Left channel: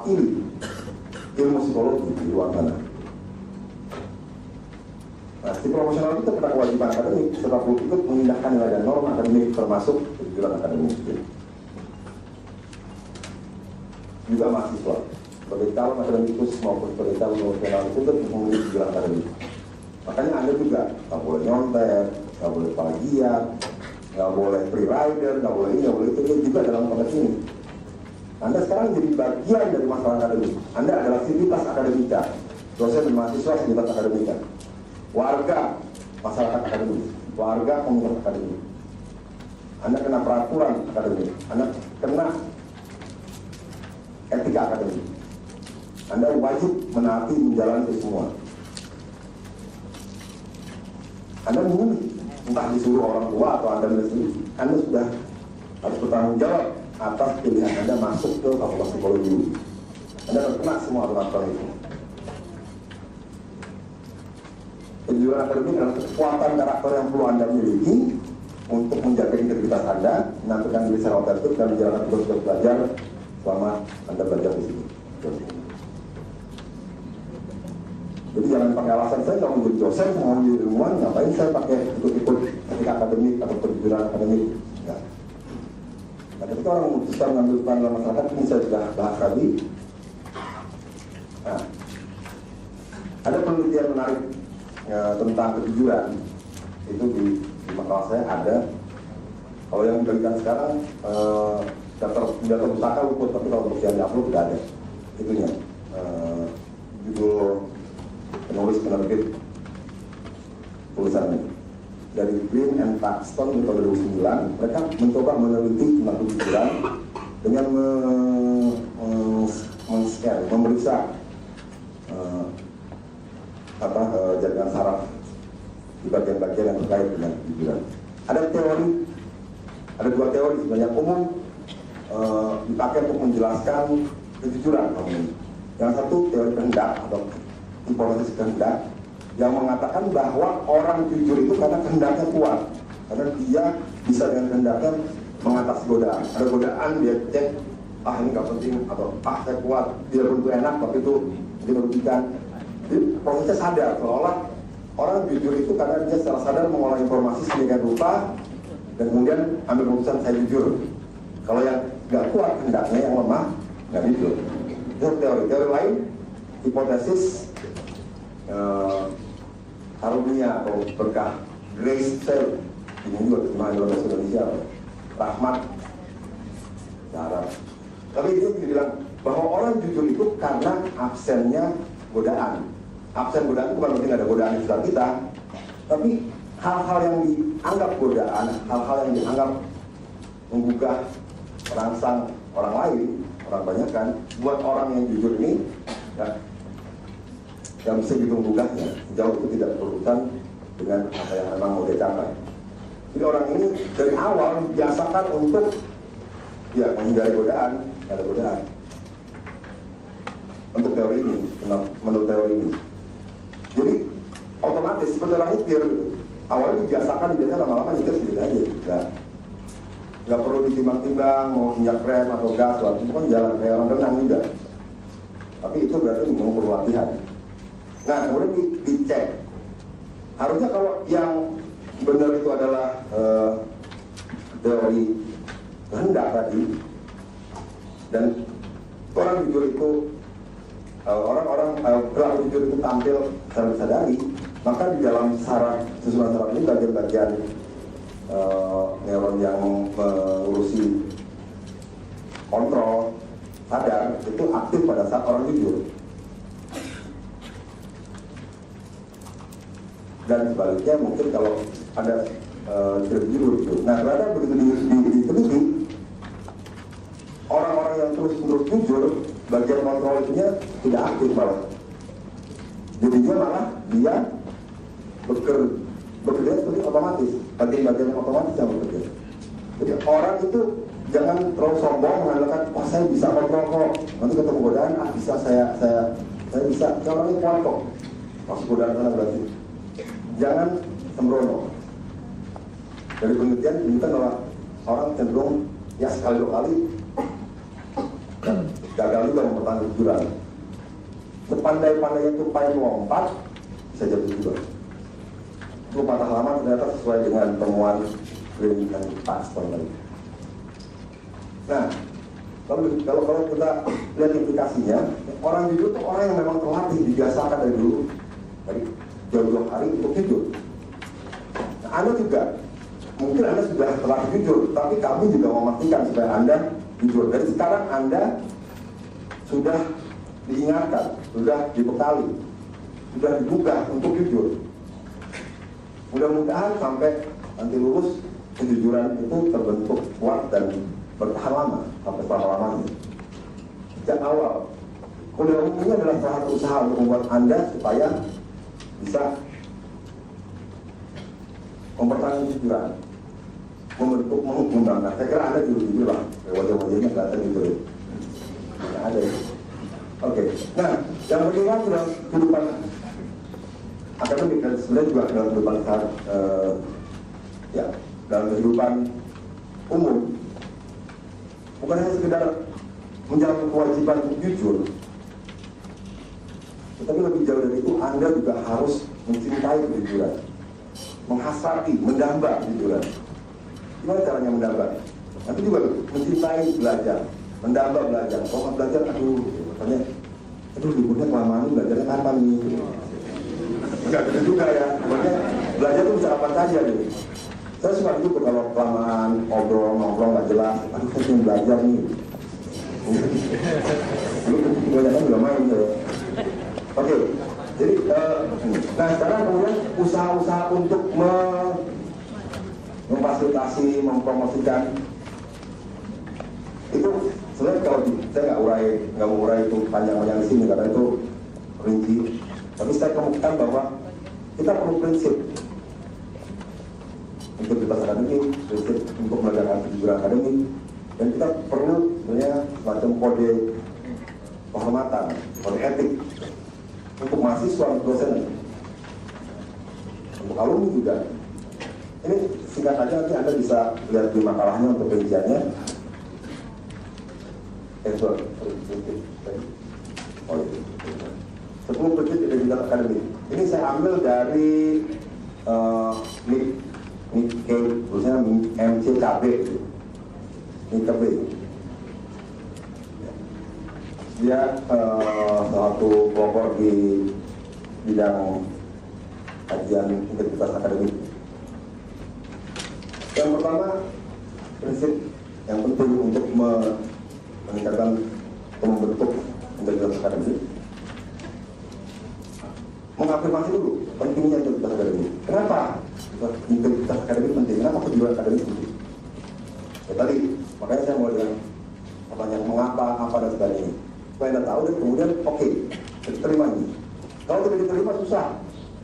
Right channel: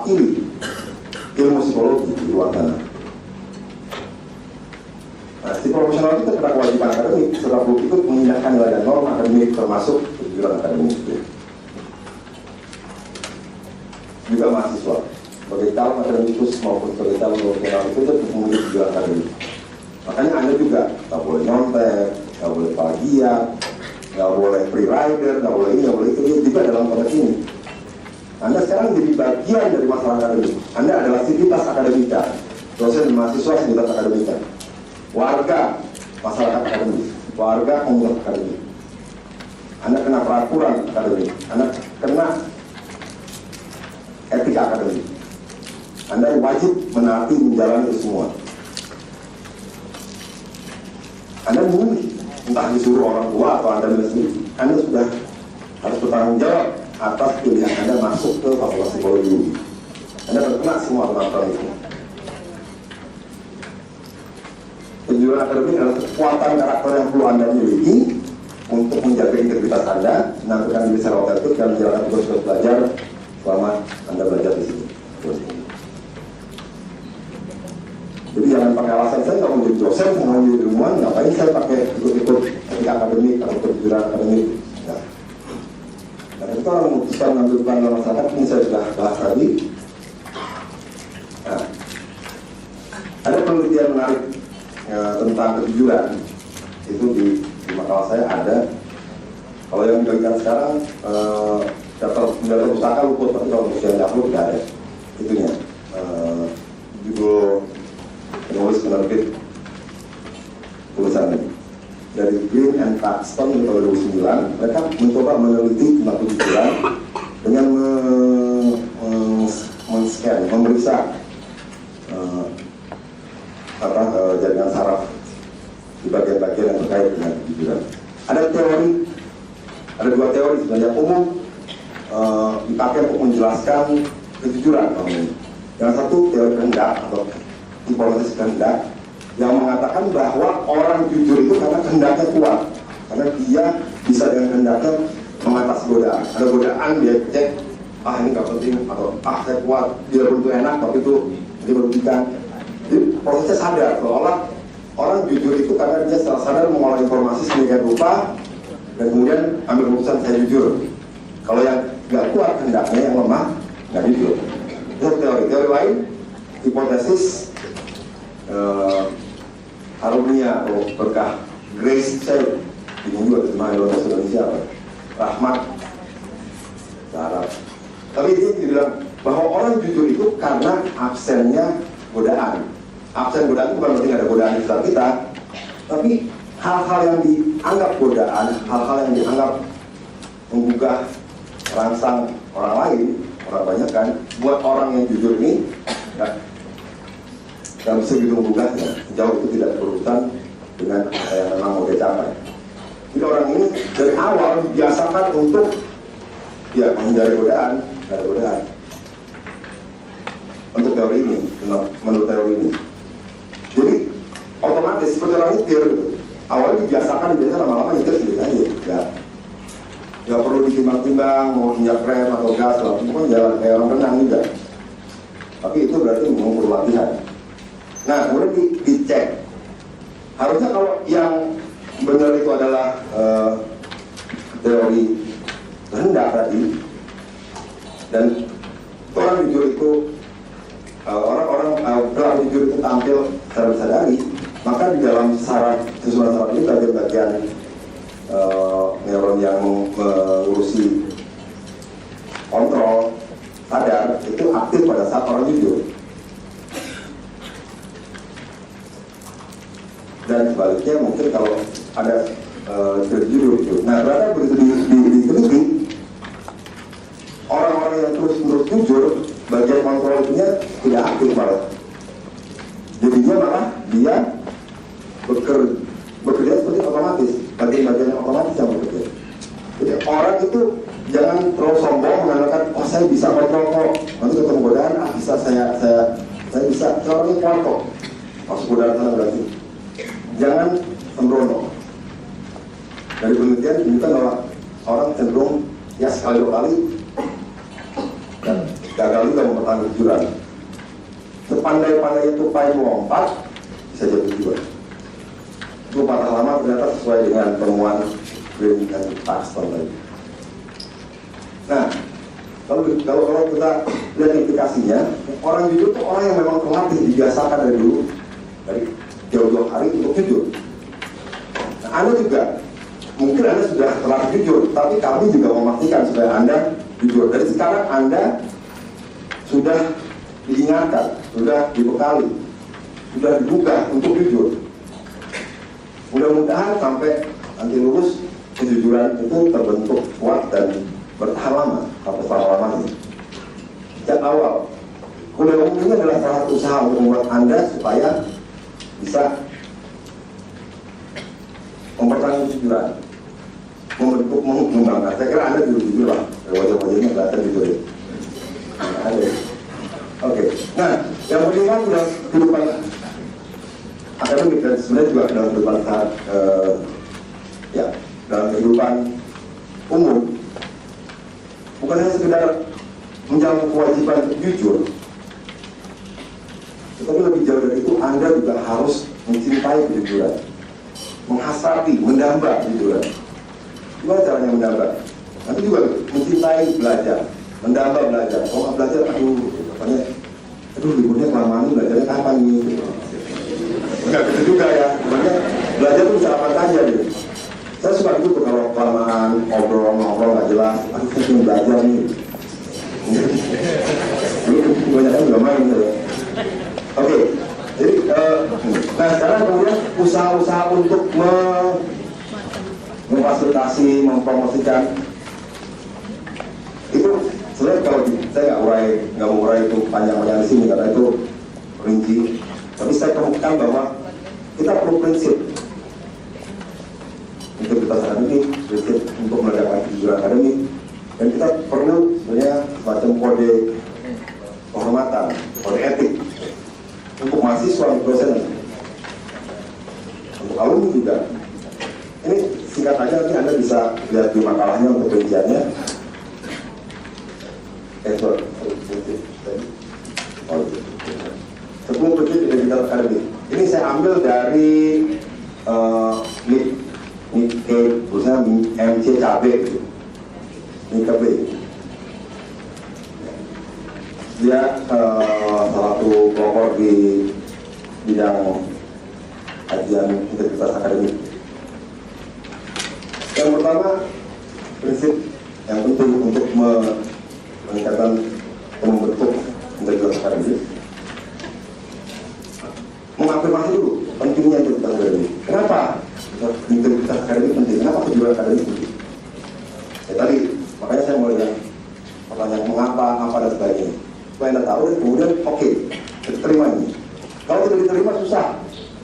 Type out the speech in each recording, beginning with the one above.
mewakili ilmu psikologi di luar sana. Nah, si profesional itu kena kewajiban akademik setelah bukti itu mengindahkan nilai dan norma akademik termasuk kejujuran akademik. Juga mahasiswa sebagai calon akademikus maupun sebagai calon profesional itu memiliki kejujuran akademik. Makanya Anda juga nggak boleh nyontek, nggak boleh plagiat, nggak boleh free rider, nggak boleh ini, nggak boleh itu juga dalam konteks ini. Anda sekarang jadi bagian dari masalah akademik. Anda adalah sivitas akademika, dosen dan mahasiswa sivitas akademika, warga masyarakat akademik, warga komunitas akademik. Anda kena peraturan akademik, Anda kena etika akademik. Anda wajib menaati menjalani itu semua. Anda memilih, entah disuruh orang tua atau Anda sendiri, Anda sudah harus bertanggung jawab atas pilihan Anda masuk ke fakultas psikologi. Anda terkena semua aturan itu. Kejujuran akademik adalah kekuatan karakter yang perlu Anda miliki untuk menjaga integritas Anda, menampilkan diri secara otentik dan menjalankan tugas-tugas belajar selama Anda belajar di sini. Jadi jangan pakai alasan saya nggak mau jadi dosen, nggak mau jadi ilmuwan, ngapain saya pakai ikut-ikut etika akademik atau kejujuran akademik. Nah, dan ketika orang memutuskan mengambil peran dalam masyarakat, ini saya sudah bahas tadi. Nah, ada penelitian menarik tentang kejujuran itu di makalah saya ada. Kalau yang dibagikan sekarang data pustaka luput, tapi kalau usia dahulu tidak ada itunya. Judul penulis penerbit tulisannya dari Green and Paxton tahun 2009. Mereka mencoba meneliti tentang kejujuran dengan men-scan, memeriksa jaringan saraf di bagian-bagian yang terkait dengan kejujuran. Ada dua teori sebenarnya umum dipakai untuk menjelaskan kejujuran. Yang satu teori kehendak atau hipotesis kehendak yang mengatakan bahwa orang jujur itu karena kehendaknya kuat, karena dia bisa dengan kehendaknya mengatasi godaan. Ada godaan dia cek, ini gak penting, atau saya kuat, dia bentuk enak tapi itu merugikan. Jadi prosesnya sadar, seolah orang jujur itu karena dia secara sadar mengolah informasi sedemikian rupa dan kemudian ambil keputusan saya jujur. Kalau yang gak kuat kehendaknya, yang lemah, gak jujur. Itu teori lain, hipotesis karunia atau berkah, grace share, ini juga terjemahan dalam bahasa Indonesia apa? Rahmat, Arab. Tapi dia bilang bahwa orang jujur itu karena absennya godaan. Absen godaan itu bukan berarti ada godaan di sekitar kita, tapi hal-hal yang dianggap godaan, hal-hal yang dianggap menggugah rangsang orang lain, orang banyak kan, buat orang yang jujur ini nggak bisa menggugahnya, jauh itu tidak berurusan dengan yang memang mau dicapai. Jadi orang ini dari awal dibiasakan untuk menghindari godaan, untuk teori ini, menurut teori ini. Jadi otomatis seperti orang nyetir, awalnya dibiasakan biasa lama-lama nyetir sendiri aja, nggak perlu ditimbang-timbang mau injak rem atau gas, langsung jalan kayak orang renang juga. Tapi itu berarti mengukur latihan. Nah, kemudian dicek. Harusnya kalau yang benar itu adalah teori kehendak tadi, dan orang jujur itu orang-orang pelaku jujur itu tampil secara sadari, maka di dalam susunan saraf ini bagian-bagian neuron yang mengurusi kontrol sadar itu aktif pada saat orang jujur. Dan sebaliknya mungkin kalau ada jujur itu. Nah, ternyata begitu diteliti, orang-orang yang terus-menerus jujur, bagian kontrolnya tidak aktif malah. Jadinya malah dia bekerja seperti otomatis, bagian yang otomatis yang bekerja. Jadi orang itu jangan terlalu sombong mengatakan, saya bisa kontrol kok, nanti ketemu godaan, bisa saya bisa, seorang ini kuat kok, masuk godaan sana berarti. Jangan sembrono. Dari penelitian menunjukkan bahwa orang cenderung sekali dua kali gagal juga mempertahankan kejujuran. Sepandai-pandainya tupai melompat, bisa jatuh juga. Itu patah lama ternyata sesuai dengan temuan Green dan Paxton tadi. Nah, kalau kita lihat implikasinya, orang jujur itu orang yang memang terlatih, dibiasakan dari dulu, dari jauh-jauh hari untuk jujur. Nah, Anda juga, mungkin Anda sudah terlatih jujur, tapi kami juga memastikan supaya Anda jujur. Dari sekarang Anda sudah diingatkan, sudah dibekali, sudah dibuka untuk jujur. Mudah-mudahan sampai nanti lulus, kejujuran itu terbentuk kuat dan bertahan lama, sampai selama-lamanya. Sejak awal, kuliah umum ini adalah salah satu usaha untuk membuat Anda supaya bisa mempertahankan kejujuran, membentuk, mengembangkan. Saya kira Anda jujur lah, wajah-wajahnya kelihatan jujur. Oke. Nah, yang penting kan dalam kehidupan akademik dan sebenarnya juga dalam kehidupan dalam kehidupan umum, bukan hanya sekedar menjalankan kewajiban untuk jujur, tetapi lebih jauh dari itu Anda juga harus mencintai kejujuran, menghasrati, mendamba kejujuran. Gimana caranya mendamba? Nanti juga mencintai belajar, mendamba belajar. Kalau nggak belajar, katanya, liburnya kelamaan, belajarnya kapan nih? Enggak gitu juga ya, makanya belajar itu bisa apa saja gitu. Saya suka gitu kalau kelamaan, ngobrol nggak jelas, saya cuma belajar nih. Banyak kan nggak main gitu. Oke, jadi nah sekarang kemudian usaha-usaha untuk memfasilitasi, mempromosikan itu sebenarnya kalau saya nggak mau urai itu panjang-panjang di sini karena itu rinci. Tapi saya kemukakan bahwa kita perlu prinsip integritas akademik, prinsip untuk menegakkan kejujuran akademik, dan kita perlu sebenarnya semacam kode kehormatan, kode etik untuk mahasiswa, untuk dosen, untuk alumni juga. Ini singkat aja, nanti Anda bisa lihat di makalahnya untuk rinciannya. Sebelum prinsip integritas akademik, ini saya ambil dari Nikkei, tulisannya MCCB gitu. Nikkei. Dia salah satu pelopor di bidang kajian integritas akademik. Yang pertama, prinsip yang penting untuk meningkatkan atau membentuk integritas akademik, mengafirmasi dulu pentingnya integritas akademik. Kenapa integritas akademik penting? Kenapa kejujuran akademik penting? Ya tadi, makanya saya mulai dengan pertanyaan mengapa, apa dan sebagainya. Supaya Anda tahu dan kemudian oke, diterima ini. Kalau tidak diterima susah.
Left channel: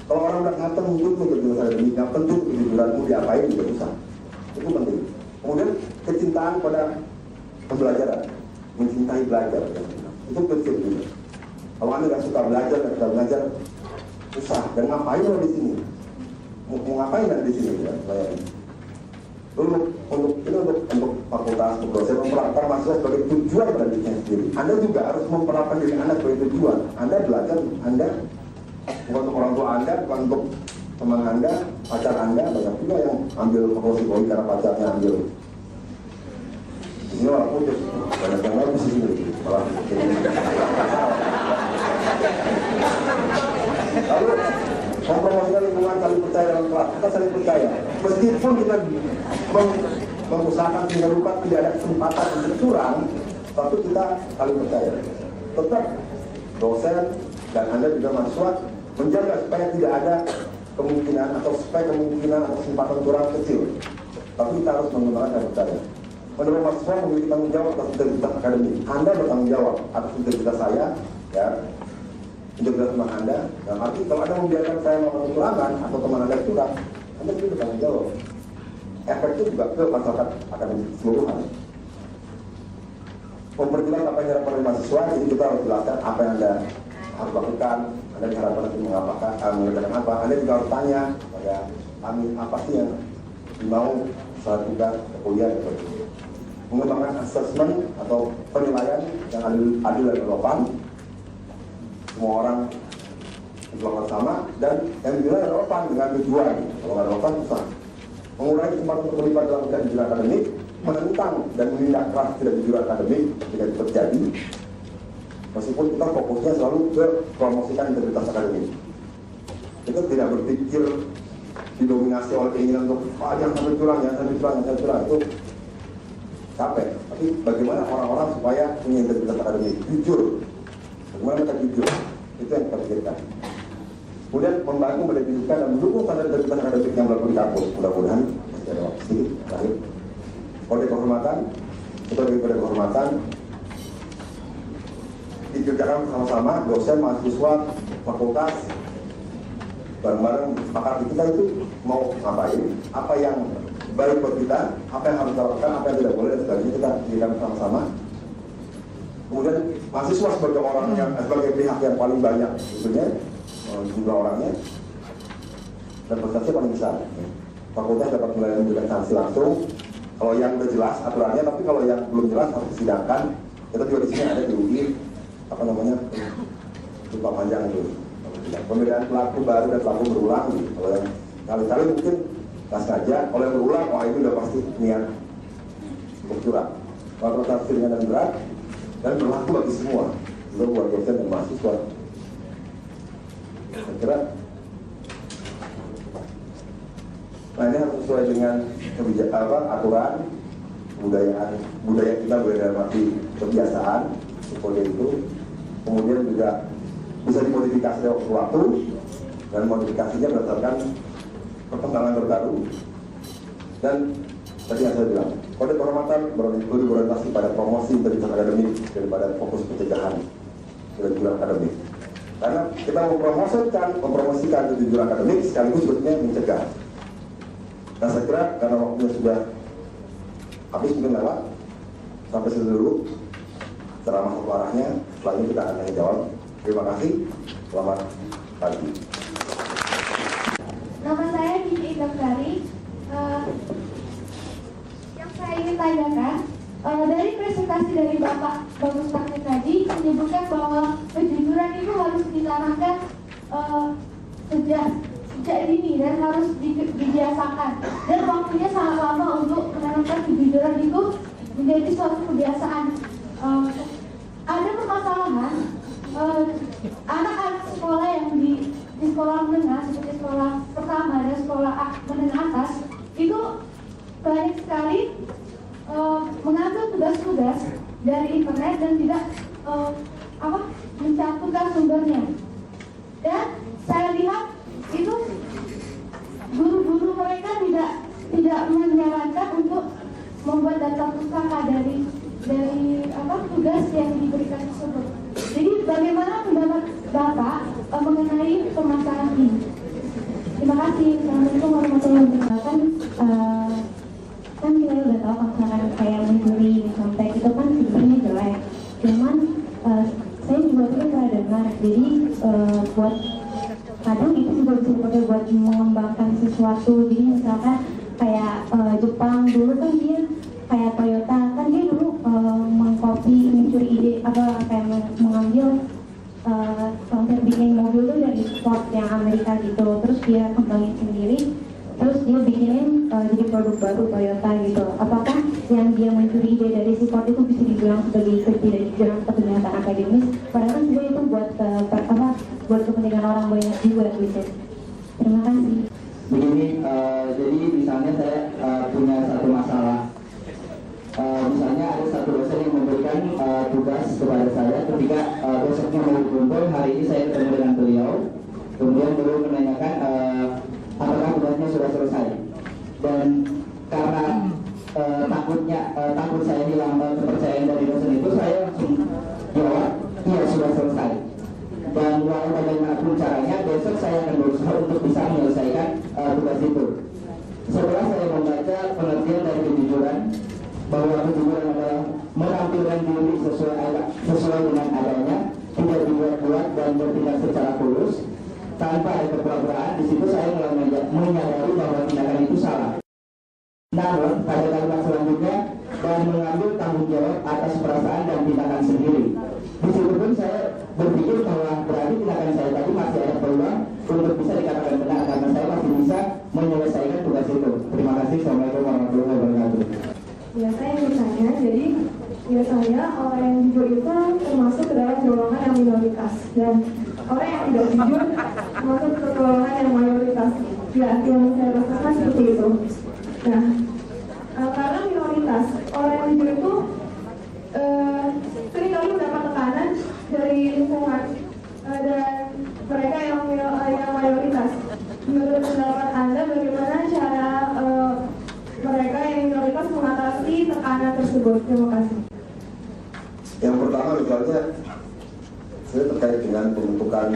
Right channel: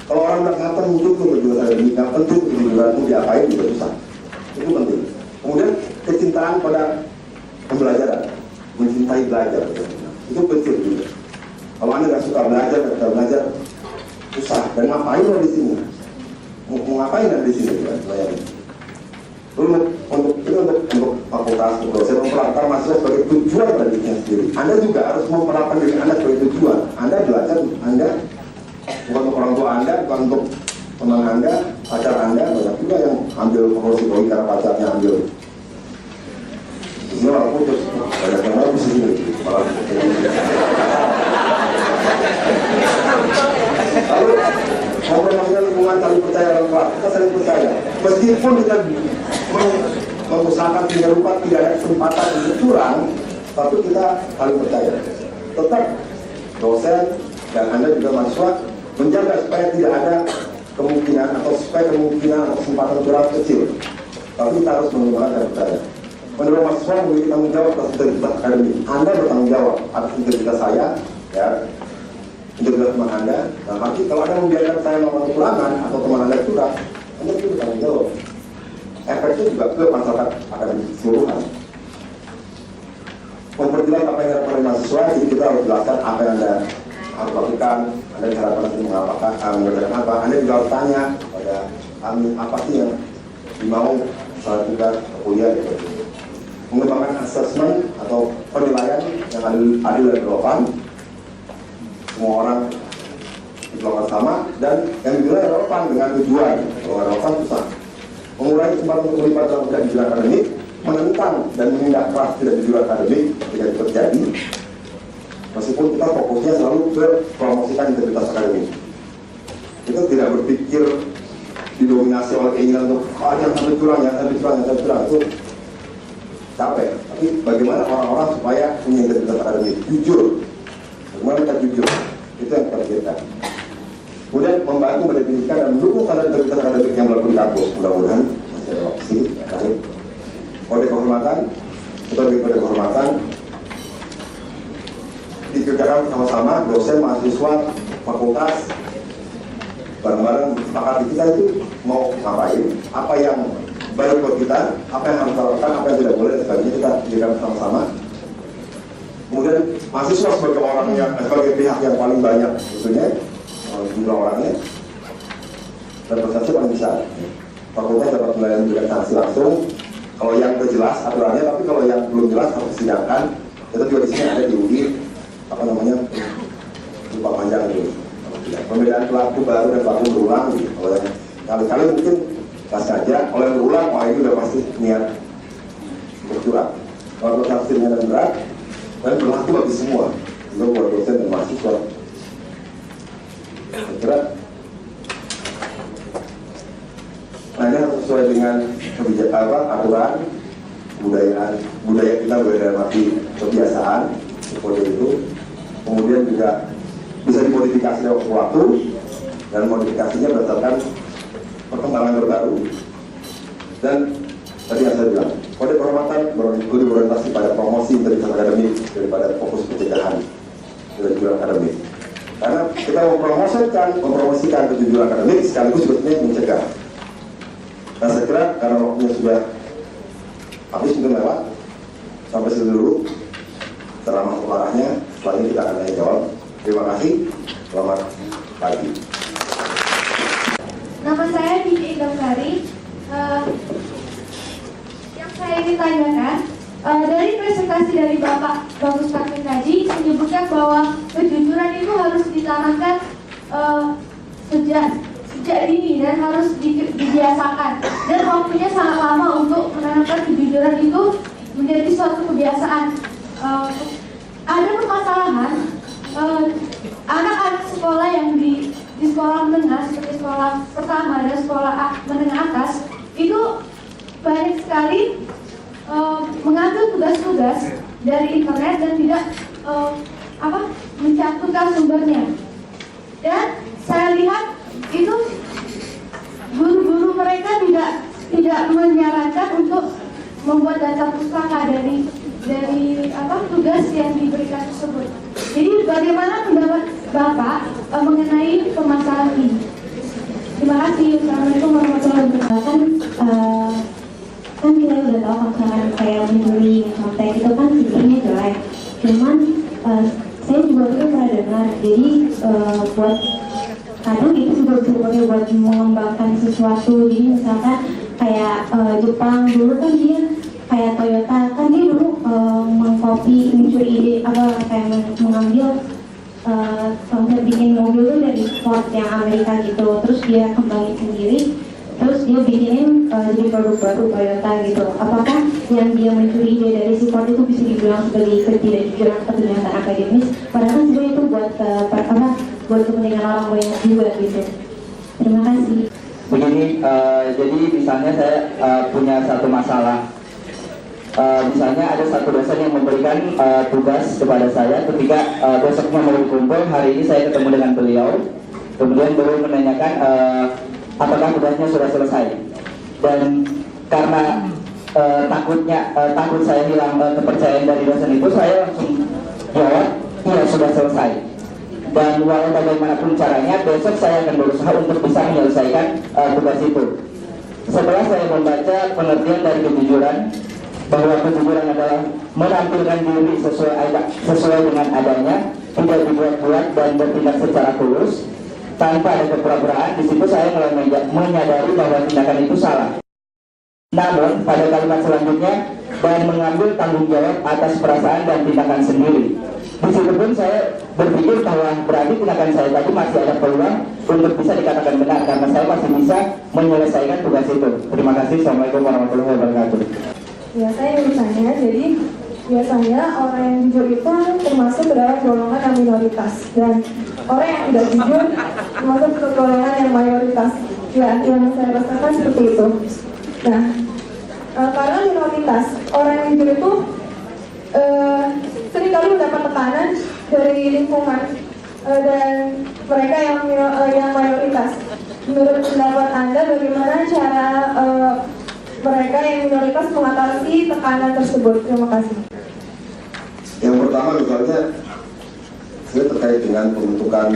Kalau orang bilang apa muncul ke kejujuran akademik, nggak penting kejujuranmu diapain juga susah. Itu penting. Kemudian kecintaan pada pembelajaran, mencintai belajar, itu penting juga. Kalau Anda nggak suka belajar, nggak suka belajar, susah. Dan ngapain lo di sini? Mau ngapain di sini? Dulu untuk fakultas, untuk dosen memperlakukan mahasiswa sebagai tujuan pada dirinya sendiri. Anda juga harus memperlakukan diri Anda sebagai tujuan. Anda belajar, Anda bukan untuk orang tua Anda, bukan untuk teman Anda, pacar Anda. Banyak juga yang ambil promosi poli karena pacarnya ambil. Di sini malah putus, banyak yang lain di sini malah lalu mempermasalahkan lingkungan saling percaya dalam kelas. Kita saling percaya, meskipun kita mengusahakan tidak rupa tidak ada kesempatan untuk curang, tapi kita saling percaya. Tetap dosen dan Anda juga mahasiswa menjaga supaya tidak ada kemungkinan atau supaya kemungkinan atau kesempatan curang kecil. Tapi kita harus menggunakan percaya. Menurut mahasiswa memiliki tanggung jawab atas integritas akademik. Anda bertanggung jawab atas integritas saya, ya, integritas teman Anda. Nah, arti kalau Anda membiarkan saya melakukan kecurangan atau teman Anda curang, Anda juga bertanggung jawab. Efeknya juga ke masyarakat akademik keseluruhan. Memperjelas apa yang diharapkan oleh mahasiswa, jadi kita harus jelaskan apa yang Anda harus lakukan. Anda diharapkan untuk mengerjakan apa. Anda juga harus tanya pada kami apa sih yang dimau saat kita kuliah gitu. mengembangkan asesmen atau penilaian yang adil dan relevan. Semua orang diperlakukan sama dan yang dinilai relevan dengan tujuan. Kalau nggak relevan susah. Mengurangi kesempatan untuk terlibat dalam tidak jujur akademik, menentang dan menindak keras tidak jujur akademik ketika itu terjadi. Meskipun kita fokusnya selalu ke promosikan integritas akademik, kita tidak berpikir didominasi oleh keinginan untuk yang sampai curang, yang sampai curang, yang sampai curang, itu capek. Tapi bagaimana orang-orang supaya punya integritas akademik, jujur, bagaimana mereka jujur, itu yang kita pikirkan. Kemudian membantu mendefinisikan dan mendukung standar integritas akademik yang melakukan kampus. Mudah-mudahan masih ada opsi terakhir. Kode kehormatan, sebagai kode kehormatan dikerjakan bersama-sama dosen, mahasiswa, fakultas, bareng-bareng sepakati kita itu mau ngapain, apa yang baik buat kita, apa yang harus kita lakukan, apa yang tidak boleh, dan sebagainya kita kerjakan bersama-sama. Kemudian mahasiswa sebagai orang yang sebagai pihak yang paling banyak tentunya jumlah orangnya dan prestasi paling besar. Fakultas dapat memberikan sanksi langsung kalau yang udah jelas aturannya, tapi kalau yang belum jelas harus disidangkan. Kita juga di sini ada di UI apa namanya lupa panjang itu pembedaan pelaku baru dan pelaku berulang gitu. Kalau yang kali-kali mungkin nggak sengaja, kalau yang berulang wah itu udah pasti niat bercurang. Kalau sanksi ringan dan berat dan berlaku bagi semua, juga buat dosen dan mahasiswa. Berat. Nah ini harus sesuai dengan kebijakan aturan budaya kita dalam arti kebiasaan kode itu. Kemudian juga bisa dimodifikasi dalam waktu dan modifikasinya berdasarkan perkembangan terbaru. Dan tadi yang saya bilang, kode kehormatan lebih berorientasi pada promosi integritas akademik daripada fokus pencegahan kejujuran akademik. Karena kita mempromosikan kejujuran akademik sekaligus sebetulnya mencegah. Nah saya kira karena waktunya sudah habis mungkin lewat, sampai sini dulu. Setelah masuk arahnya, setelah ini kita akan jawab. Terima kasih, selamat pagi. Nama saya Dini Damsari. Yang saya ingin tanyakan, dari presentasi dari Bapak Bagus Pakai Kaji menyebutkan bahwa kejujuran itu harus ditanamkan sejak dini dan harus dibiasakan. Dan waktunya sangat lama untuk menanamkan kejujuran itu menjadi suatu kebiasaan. Ada permasalahan anak-anak sekolah yang di sekolah menengah seperti sekolah pertama dan sekolah menengah atas itu banyak sekali mengambil tugas-tugas dari internet dan tidak mencantumkan sumbernya. Dan saya lihat itu guru-guru mereka tidak menyarankan untuk membuat data pustaka dari tugas yang diberikan tersebut. Jadi bagaimana pendapat Bapak mengenai permasalahan ini? Terima kasih. Assalamualaikum warahmatullahi wabarakatuh. Kan kita udah tahu kalau misalkan kayak mencuri contek itu kan sebenarnya jelek. Cuman saya juga pernah dengar. Jadi buat kadang itu juga dipakai buat mengembangkan sesuatu. Jadi misalkan kayak Jepang dulu kan dia kayak Toyota kan dia dulu mengcopy mencuri ide kayak mengambil konsep bikin mobil tuh dari Ford yang Amerika gitu, terus dia kembangin sendiri, terus dia bikinin jadi produk baru Toyota gitu. Apakah yang dia mencuri ide dari si Ford itu bisa dibilang sebagai ketidakjujuran atau kenyataan akademis? Padahal kan sebenarnya itu buat kepentingan orang banyak juga gitu. Terima kasih. Begini, jadi misalnya saya punya satu masalah. Misalnya ada satu dosen yang memberikan tugas kepada saya ketika besoknya mau kumpul, hari ini saya ketemu dengan beliau, kemudian beliau menanyakan apakah tugasnya sudah selesai. Dan karena takut saya hilang kepercayaan dari dosen itu, saya langsung jawab, iya sudah selesai. Dan walau bagaimanapun caranya, besok saya akan berusaha untuk bisa menyelesaikan tugas itu. Setelah saya membaca pengertian dari kejujuran, bahwa kejujuran adalah menampilkan diri sesuai dengan adanya, tidak dibuat-buat dan bertindak secara tulus tanpa ada kepura-puraan. Di situ saya mulai menyadari bahwa tindakan itu salah. Namun pada kalimat selanjutnya dan mengambil tanggung jawab atas perasaan dan tindakan sendiri. Di situ pun saya berpikir bahwa berarti tindakan saya tadi masih ada peluang untuk bisa dikatakan benar karena saya masih bisa menyelesaikan tugas itu. Terima kasih. Assalamualaikum warahmatullahi wabarakatuh. Ya, saya bertanya, jadi biasanya orang yang jujur itu termasuk ke dalam golongan yang minoritas dan orang yang tidak jujur termasuk ke golongan yang mayoritas. Ya, yang saya rasakan seperti itu. Nah, karena minoritas, orang yang jujur itu seringkali mendapat tekanan dari lingkungan dan mereka yang mayoritas. Menurut pendapat Anda, bagaimana cara mereka yang minoritas mengatasi tekanan tersebut? Terima kasih. Yang pertama misalnya saya terkait dengan pembentukan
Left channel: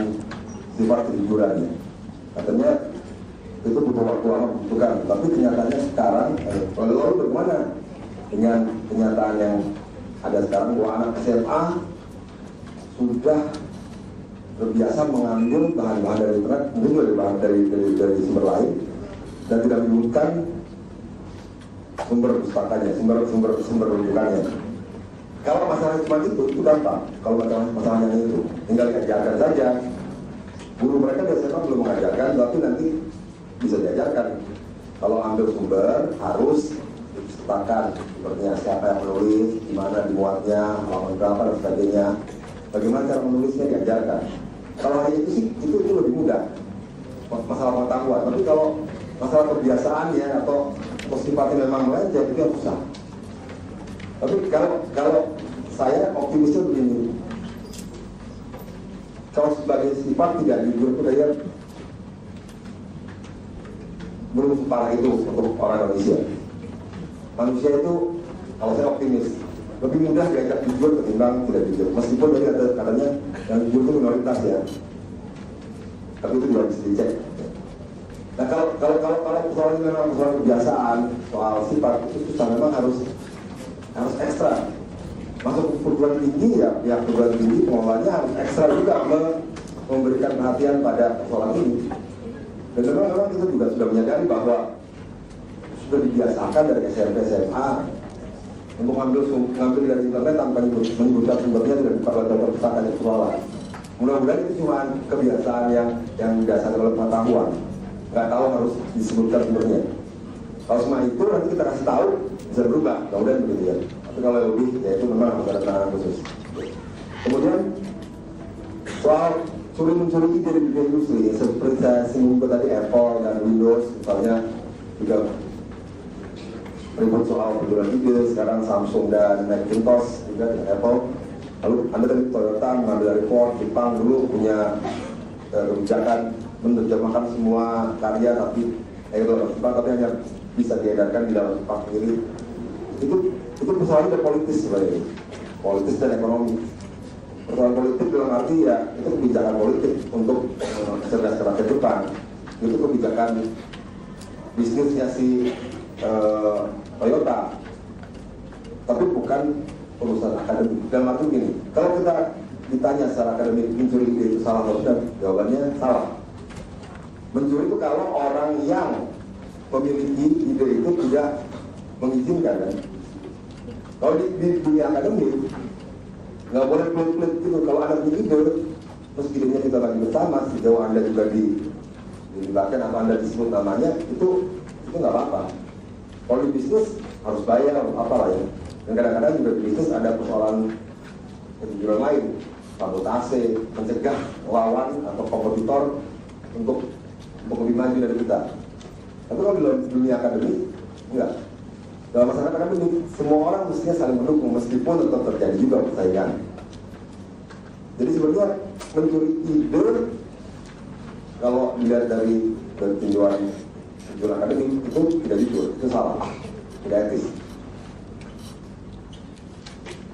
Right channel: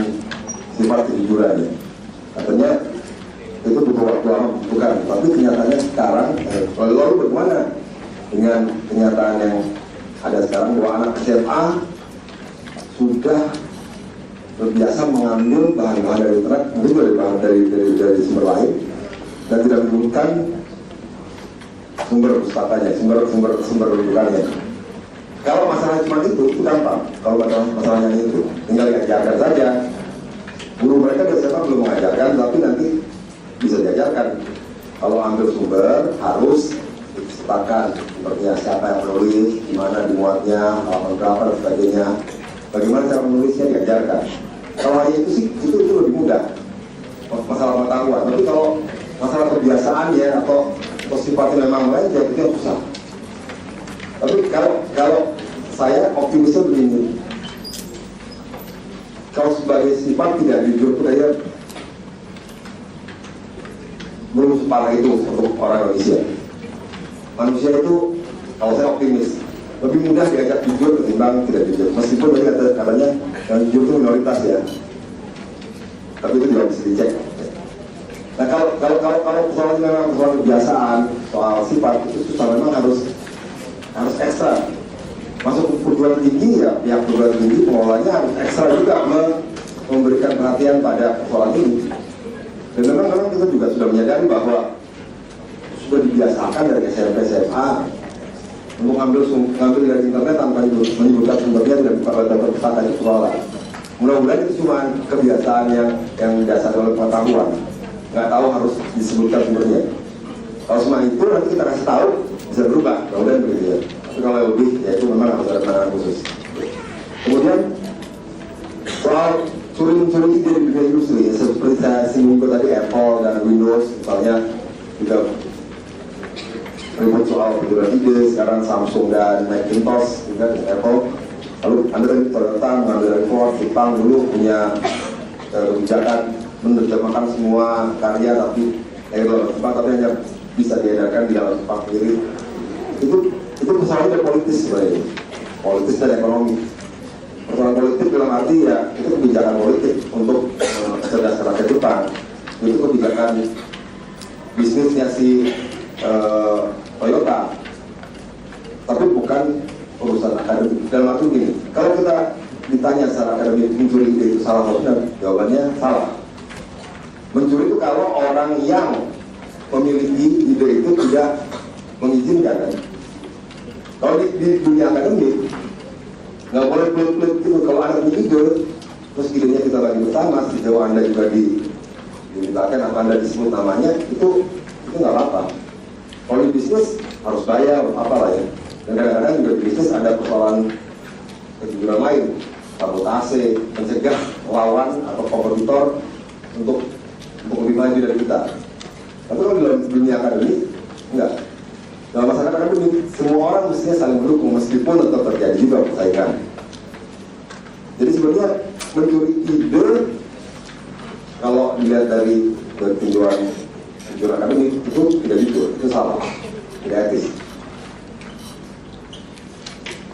sifat kejujuran ya. Katanya itu butuh waktu lama bukan, tapi kenyataannya sekarang lalu bagaimana dengan kenyataan yang ada sekarang bahwa anak SMA sudah terbiasa mengambil bahan-bahan dari internet, mungkin dari bahan dari sumber lain dan tidak menyebutkan sumber pustakanya, sumber rujukannya. Kalau masalahnya cuma itu gampang. Kalau masalahnya itu tinggal diajarkan saja. Guru mereka biasanya belum mengajarkan, tapi nanti bisa diajarkan. Kalau ambil sumber harus diceritakan sepertinya siapa yang menulis, di mana dimuatnya, halaman berapa dan sebagainya. Bagaimana cara menulisnya diajarkan. Kalau hanya itu sih itu lebih mudah. Masalah pengetahuan. Tapi kalau masalah kebiasaan ya atau sifatnya memang lain, ya itu yang susah. Tapi kalau saya optimisnya begini, kalau sebagai sifat tidak jujur itu kayaknya belum separah itu untuk orang Indonesia. Manusia itu, kalau saya optimis, lebih mudah diajak jujur ketimbang tidak jujur. Meskipun tadi katanya yang jujur itu minoritas ya, tapi itu juga bisa dicek. Nah kalau persoalannya memang persoalan kebiasaan, soal sifat itu susah, memang harus ekstra. Masuk ke perguruan tinggi ya, pihak perguruan tinggi pengelolanya harus ekstra juga memberikan perhatian pada persoalan ini. Dan memang kita juga sudah menyadari bahwa sudah dibiasakan dari SMP SMA untuk ngambil dari internet tanpa menyebutkan sumbernya dan pada data pustaka itu persoalan. Mudah-mudahan itu cuma kebiasaan yang dasar oleh pengetahuan, nggak tahu harus disebutkan sumbernya. Kalau semua itu nanti kita kasih tahu bisa berubah, mudah-mudahan begitu ya. Tapi kalau lebih ya itu memang harus ada penanganan khusus. Kemudian soal curi-mencuri ide di dunia industri, seperti saya singgung tadi Apple dan Windows misalnya juga ribut soal penjualan ide. Sekarang Samsung dan Macintosh juga Apple. Lalu Anda dari Toyota mengambil dari Ford, Jepang dulu punya kebijakan menerjemahkan semua karya tapi Jepang tapi hanya bisa diedarkan di dalam Jepang sendiri. Itu persoalannya politis sebenarnya, politis dan ekonomi. Persoalan politik dalam arti ya itu kebijakan politik untuk kecerdasan rakyat Jepang. Itu kebijakan bisnisnya si Toyota, tapi bukan urusan akademik. Dalam arti gini, kalau kita ditanya secara akademik mencuri ide itu salah atau benar, jawabannya salah. Mencuri itu kalau orang yang memiliki ide itu tidak mengizinkan kan? Kalau di dunia akademik nggak boleh pelit-pelit gitu. Kalau Anda punya ide, terus idenya kita lagi bersama, sejauh Anda juga dimintakan apa Anda disebut namanya, itu nggak apa-apa. Kalau di bisnis harus bayar, apalah ya. Dan kadang-kadang juga di bisnis ada persoalan kejujuran lain, sabotase, mencegah lawan atau kompetitor untuk lebih maju dari kita. Tapi kalau di dalam dunia akademik, enggak. Dalam masyarakat akademik, semua orang mestinya saling mendukung meskipun tetap terjadi juga persaingan. Jadi sebenarnya mencuri ide, kalau dilihat dari tinjauan akademik itu tidak jujur, itu salah, tidak etis.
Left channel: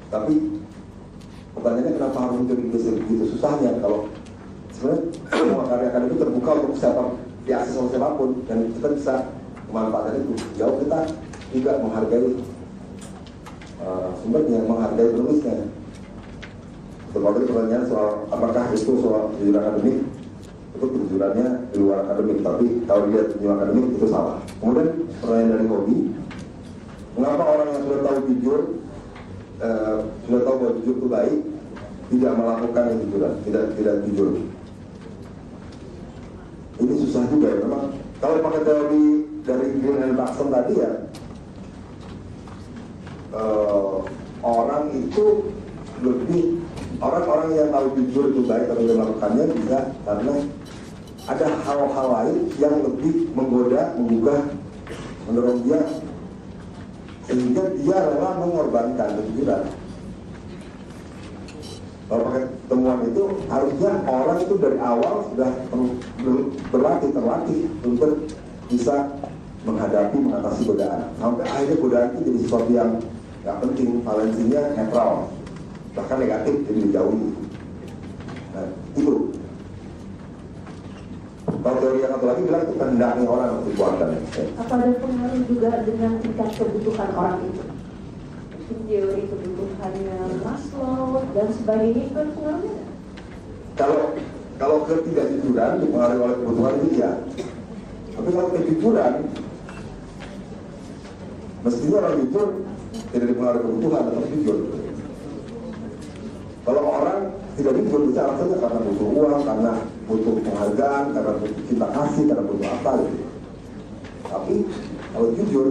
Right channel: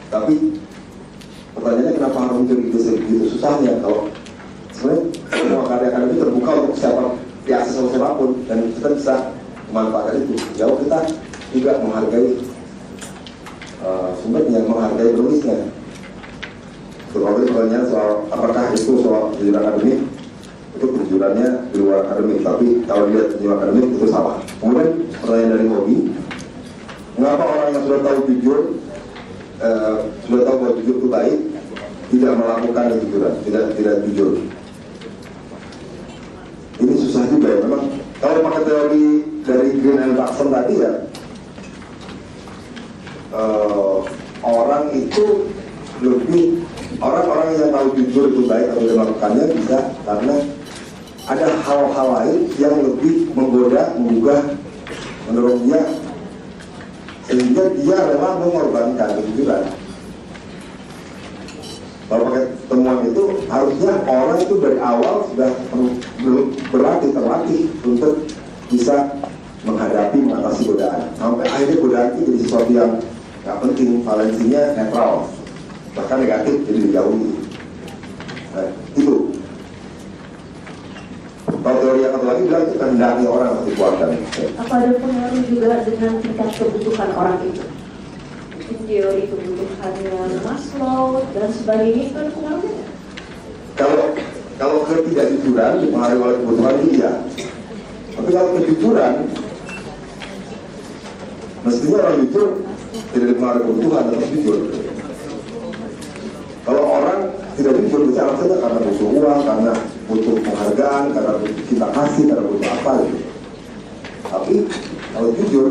Tapi pertanyaannya kenapa harus mencuri ide segitu susahnya kalau sebenarnya semua karya akademik terbuka untuk siapa diakses oleh siapapun dan kita bisa memanfaatkan itu. Jauh kita juga menghargai sumbernya, menghargai penulisnya. Kalau pertanyaan soal apakah itu soal kejujuran akademik, itu kejujurannya di luar akademik, tapi kalau dilihat di luar akademik itu salah. Kemudian pertanyaan dari Hobi, Mengapa orang yang sudah tahu jujur, sudah tahu bahwa jujur itu baik, tidak melakukan kejujuran, tidak jujur? Ini susah juga ya memang. Kalau pakai teori dari Green and Jackson tadi ya, orang itu lebih, orang-orang yang tahu jujur itu baik atau tidak melakukannya bisa karena ada hal-hal lain yang lebih menggoda, menggugah, mendorong dia, sehingga dia rela mengorbankan kejujuran. Kalau pakai temuan itu harusnya orang itu dari awal sudah terlatih untuk bisa menghadapi, mengatasi godaan. Sampai akhirnya godaan itu jadi sesuatu yang nggak penting, valensinya netral, bahkan negatif, jadi dijauhi. Nah, itu. Kalau teori yang satu lagi bilang itu kehendaknya orang harus dikuatkan. Apa ada pengaruh juga dengan tingkat kebutuhan orang itu? Teori kebutuhannya Maslow dan sebagainya itu ada pengaruhnya? Kalau ketidakjujuran dipengaruhi oleh kebutuhan itu ya. Tapi kalau kejujuran, mestinya orang jujur tidak dipengaruhi kebutuhan, tapi jujur. Kalau orang tidak jujur, bisa alasannya karena butuh uang, karena butuh penghargaan, karena butuh cinta kasih, karena butuh apa gitu. Tapi kalau jujur,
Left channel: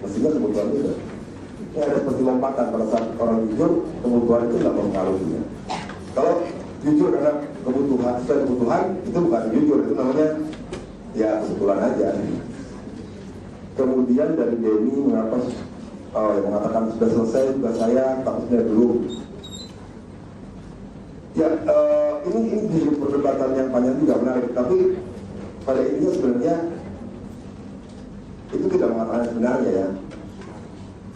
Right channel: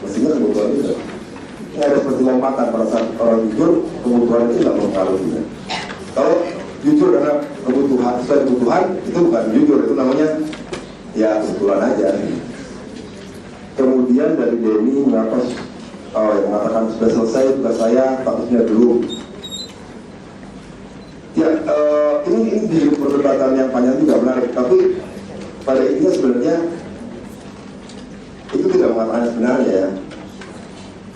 mestinya kebutuhan itu. Ini ada seperti lompatan pada saat orang jujur, kebutuhan itu tidak mempengaruhi. Kalau jujur karena kebutuhan, sesuai kebutuhan, itu bukan jujur, itu namanya ya kesimpulan aja. Kemudian dari Denny yang mengatakan sudah selesai tugas saya, statusnya belum. Ya, ini di perdebatan yang panjang juga menarik, tapi pada intinya sebenarnya itu tidak mengatakan sebenarnya ya.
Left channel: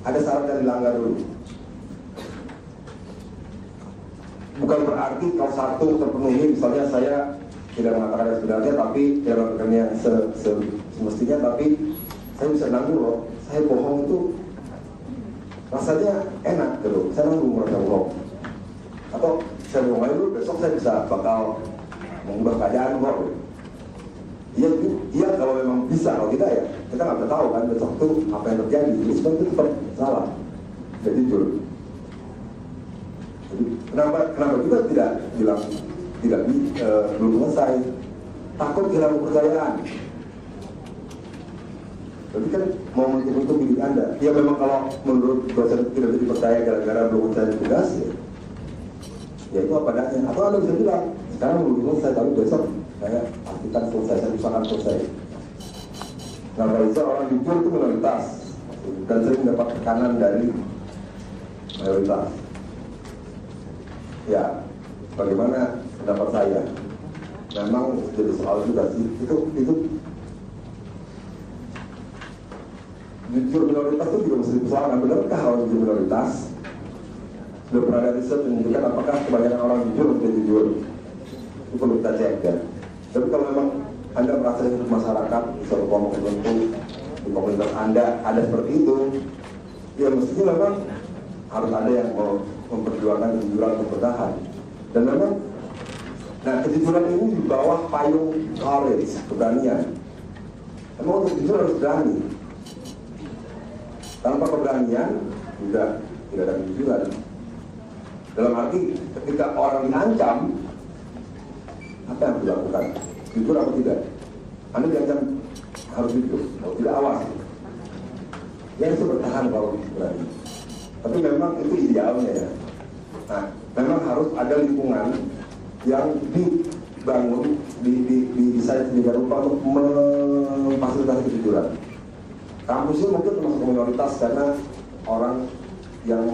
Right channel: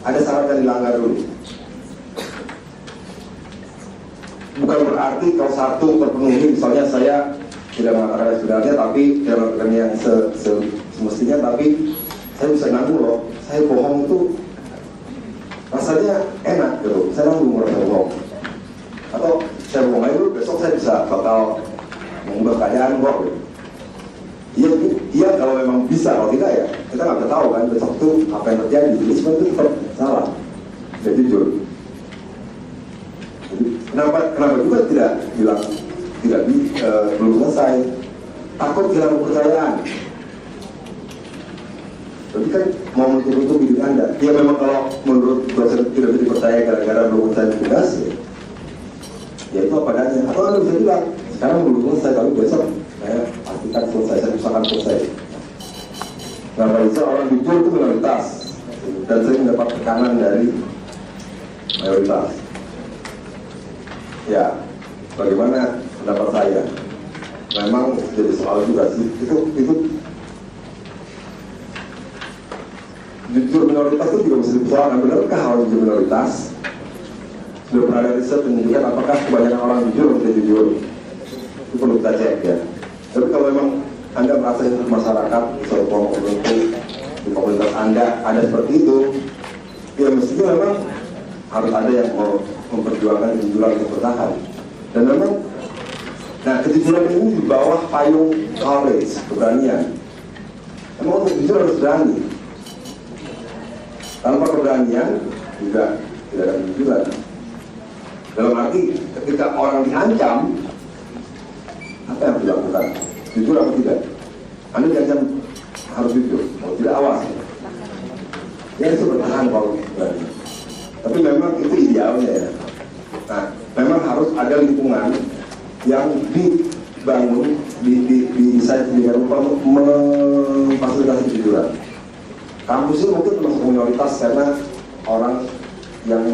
Ada syarat yang dilanggar dulu. Bukan berarti kalau satu terpenuhi, misalnya saya tidak mengatakan sebenarnya, tapi tidak melakukan yang semestinya, tapi saya bisa nanggung loh. Saya bohong itu rasanya enak gitu. Saya nanggung merasa bohong. Atau saya bohong aja dulu, besok saya bisa bakal mengubah keadaan kok. Iya kalau memang bisa, kalau tidak ya kita nggak tahu kan besok itu apa yang terjadi. Jadi sebenarnya itu tetap salah, tidak jujur. Jadi, kenapa juga tidak bilang belum selesai? Takut kehilangan kepercayaan. Tapi kan mau menutup hidup Anda. Ya memang kalau menurut dosen tidak bisa dipercaya gara-gara belum selesai tugas, ya itu apa adanya. Atau Anda bisa bilang sekarang belum selesai, tapi besok saya pastikan selesai, saya usahakan selesai. Nah, bisa orang jujur itu minoritas dan sering mendapat tekanan dari mayoritas. Ya, bagaimana pendapat saya? Memang jadi soal juga sih. Itu jujur minoritas itu juga mesti dipersoalkan. Benarkah orang jujur minoritas? Sudah pernah ada riset menunjukkan apakah kebanyakan orang jujur atau tidak jujur? Itu perlu kita cek ya. Tapi kalau memang Anda merasa itu masyarakat, misalnya kelompok tertentu di komunitas Anda ada seperti itu, ya mestinya memang harus ada yang mau memperjuangkan kejujuran untuk bertahan. Dan memang, nah kejujuran ini di bawah payung courage, keberanian. Memang untuk jujur harus berani. Tanpa keberanian juga tidak ada kejujuran. Dalam arti ketika orang diancam, apa yang harus dilakukan? Jujur atau tidak? Anda diancam harus jujur, kalau tidak awas. Ya itu bertahan kalau berani. Tapi memang itu idealnya ya. Nah, memang harus ada lingkungan yang dibangun, didesain sedemikian rupa untuk memfasilitasi kejujuran. Kampus ini mungkin termasuk minoritas karena orang yang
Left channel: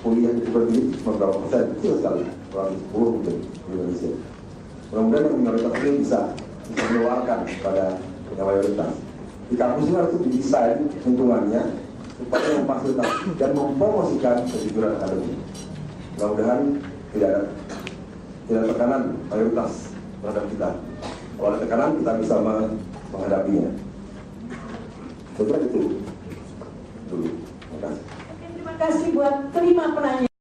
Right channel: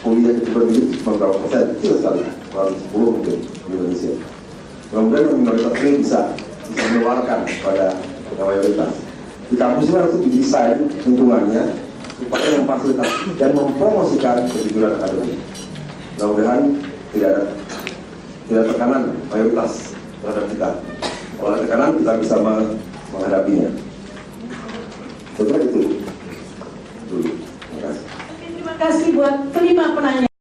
kuliah di berbagai beberapa persen, kecil sekali, kurang 10 mungkin di Indonesia. Kemudian minoritas ini bisa mengeluarkan pada mayoritas. Di kampus ini harus didesain lingkungannya supaya memfasilitasi dan mempromosikan kejujuran akademik. Mudah-mudahan tidak ada tekanan mayoritas terhadap kita. Kalau ada tekanan kita bisa menghadapinya. Sebenarnya itu dulu. Terima kasih. Terima kasih buat kelima penanya.